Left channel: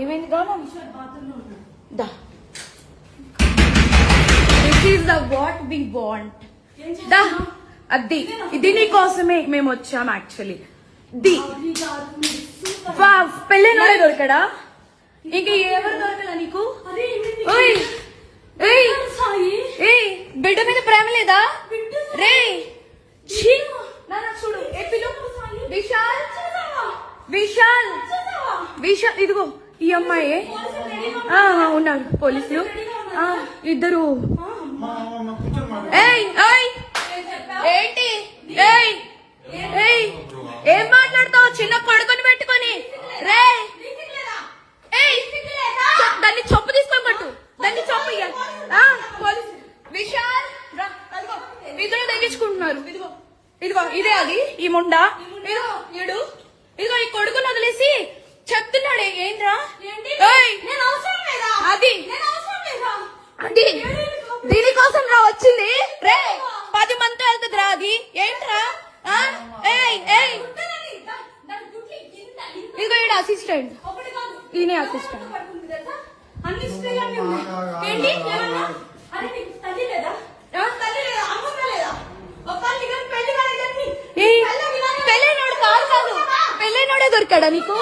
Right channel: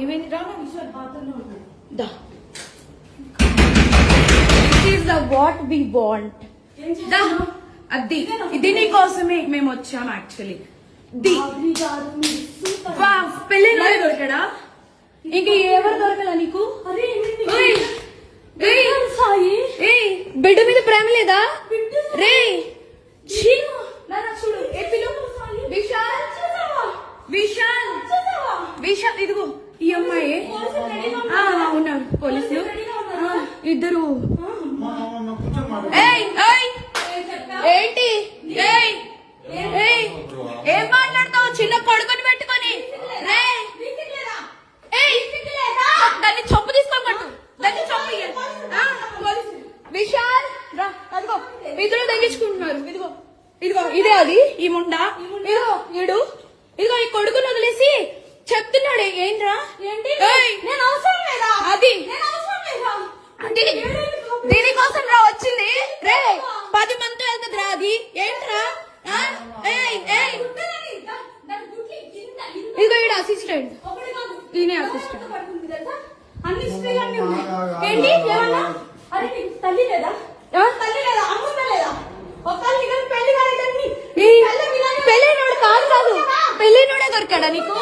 ఏమైంది దా it the what we want దా అది ఇది నీకోసమే మేము వచ్చాం యాక్చువల్లీ ది పెళ్ళి దొరకడా ఇంక ఎవరు దొరకదా నీకు బిడ్డ మీద ప్రేమ లేదా రే చూడు విశాల్ విశాల్ విశాల్ ఇదిగో ఈ అమ్మాయి ఉన్నారు పోలీసులు ఇద్దరు ఏంటి ఏం మాట్లాడతావు చిన్న పడుకొని పెట్టుకొని రే దాన్ని చంపు తీసుకొని పట్టు దాన్ని చంపు విశాల్ రా అదిగో ఇద్దరు తగ్గించుకుంటున్నారు ఇదిగో ఇదిగో ఇదే అది ఈ ముండా ఇదిగో ఈడు ఇదిగో ఈ కొడుకుని వదిలేసి చెప్తున్నాడే ఏంట్రా అది దీనికోసం రా వచ్చింది రే 10 మంది వెళ్తుంది రా అది ఏంట్రా ఇదిగో ఈడ అసిస్టెంట్ ఈయనే అసిస్టెంట్ పెళ్ళైనోడు కాదు పెళ్ళైనోడే దొరికాడా నీకు